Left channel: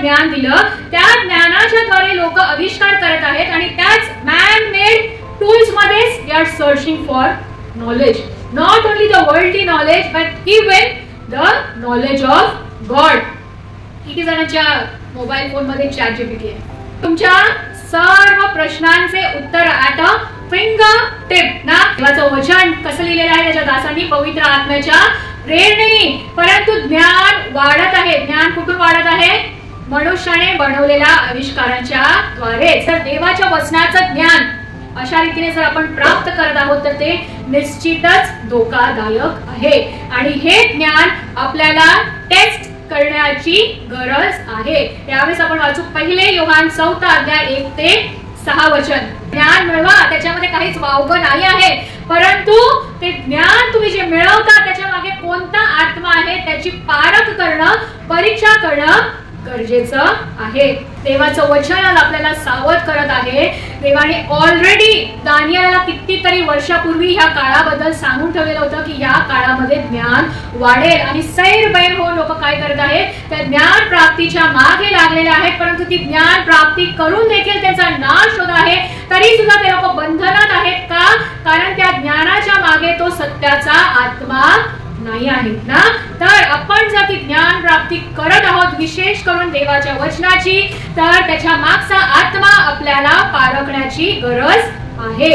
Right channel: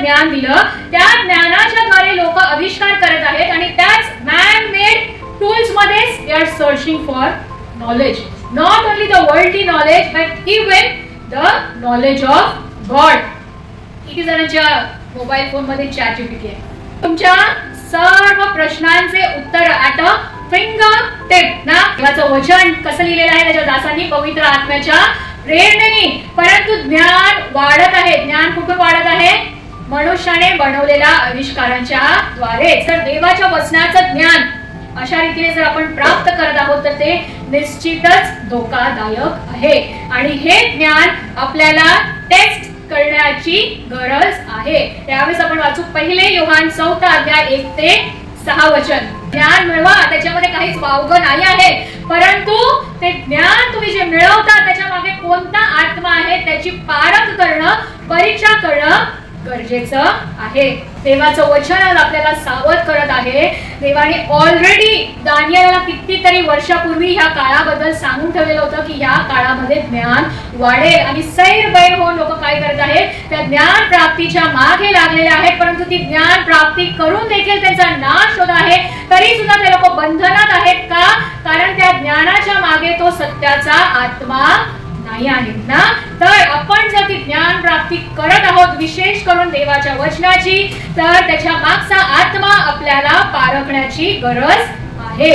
ज्ञान दिलं, त्या ज्ञानाच्या द्वारे लोक आविष्कार करत आहेत आणि त्याच मॅन मेड टूल्स मध्ये they are searching for knowledge. Not only the worldly knowledge but even the knowledge of God. किती जणांच्या मोबाईल फोन मध्ये चॅट जीपीटी आहे. तुमच्या सर्व प्रश्नांचे उत्तर ॲट अ फिंगर टिप ना. देवाचं वचन कसं लिहिलेलं आहे त्याच्या दासांनी पवित्र आत्म्याच्या प्रेरणेने. परंतु ज्ञान वाढत आहे. ज्ञान कुठून वाढत आहे? मनुष्याने बनवलेल्या आविष्कारांच्या द्वारे. तर देवाच्या वचनाचं ज्ञान अशा रीतीने जर आपण प्राप्त करत आहोत तर ते निश्चितच धोकादायक आहे आणि हे ज्ञान आपल्याला टेस्ट करण्याची गरज आहे. त्यावेळेस आपण वाचू पहिले योहान 4 अध्याय 1 ते 6 वचन. ज्ञान मिळवा, त्याच्यामध्ये काहीच वावगं नाही आहे, परंतु ते ज्ञान तुम्ही जे मिळवता त्याच्या मागे कोणता आत्मा आहे त्याची पारख करणं, परीक्षा करणं गरजेचं आहे. देवाचं वचन आपल्याला सावध करत आहे. देवाने ऑलरेडी दानिएलला कितीतरी वर्षापूर्वी ह्या काळाबद्दल सांगून ठेवलेलं होतं की ह्या काळामध्ये ज्ञान वाढेल आणि सैरभैर होऊन लोक काय करत आहेत? त्या ज्ञान प्राप्तीच्या मागे लागलेले आहेत, परंतु ती ज्ञान प्राप्ती करून देखील त्यांचा नाश होत आहे. तरी सुद्धा ते लोक बंधनात आहेत. का? कारण त्या ज्ञानाच्या मागे तो सत्याचा आत्मा नाही आहे ना. तर आपण जर ती ज्ञान प्राप्ती करत आहोत विशेष करून देवाच्या वचनाची, तर त्याच्या मागचा आत्मा आपल्याला पारखण्याची गरज आहे.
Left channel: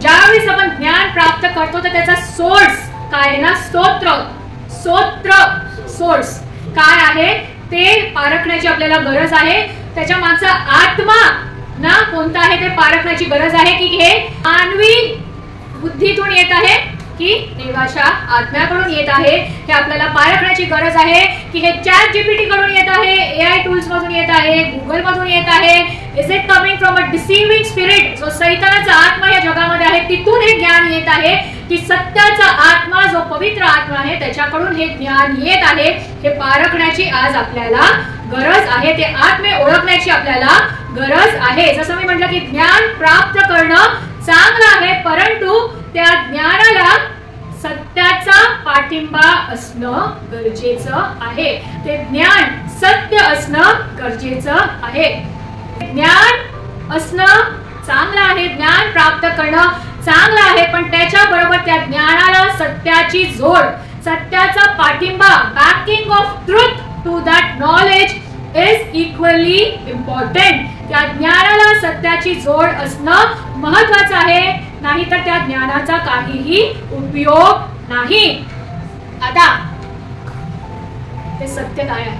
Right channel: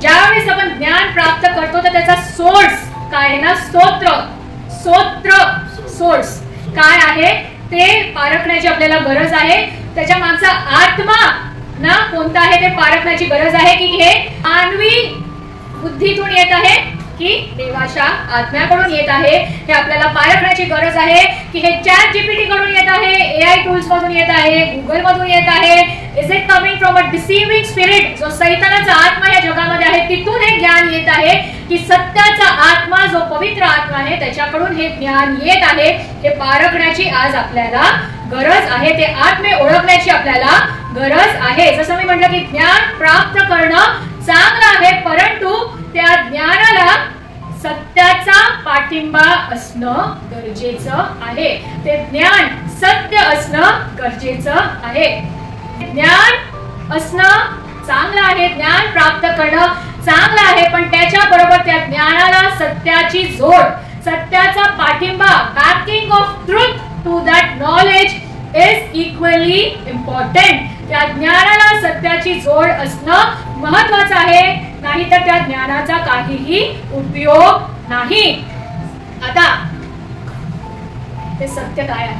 ज्यावेळेस आपण ज्ञान प्राप्त करतो तर त्याचा सोर्स काय आहे ना? सोर्स काय आहे ते पारखण्याची आपल्याला गरज आहे. त्याच्या मागचा आत्मा ना कोणता आहे ते पारखण्याची गरज आहे की हे मानवी बुद्धीतून येत आहे की देवाच्या आज्ञाकडून येत आहे. हे आपल्याला पारखण्याची गरज आहे की हे चॅट जीपीटी कडून येत आहे, एआय टूल्स मधून येत आहे, गुगल मधून येत आहे. Is it coming from a deceiving spirit? जो सैतानाचा आत्मा या जगामध्ये आहे तिथून हे ज्ञान येत आहे की सत्याचा आत्मा जो पवित्र आत्मा आहे त्याच्याकडून हे ज्ञान येत आहे? हे पारखण्याची आज आपल्याला गरज आहे. ते आत्मे ओळखण्याची आपल्याला गरज आहे. जसं मी म्हटलं की ज्ञान प्राप्त करणं चांगलं आहे, परंतु त्या ज्ञानाला सत्याचा पाठिंबा असणं गरजेचं आहे. ते ज्ञान सत्य असणं गरजेचं आहे. ज्ञान असणं चांगलं आहे, ज्ञान प्राप्त करणं चांगलं आहे, पण त्याच्या बरोबर त्या ज्ञानाला सत्याची जोड, सत्याचा पाठिंबा, backing of truth to that knowledge is equally important. त्या ज्ञानाला सत्याची जोड असणं महत्वाचं आहे, नाही तर त्या ज्ञानाचा काहीही उपयोग नाही. आता ते सत्य काय आहे?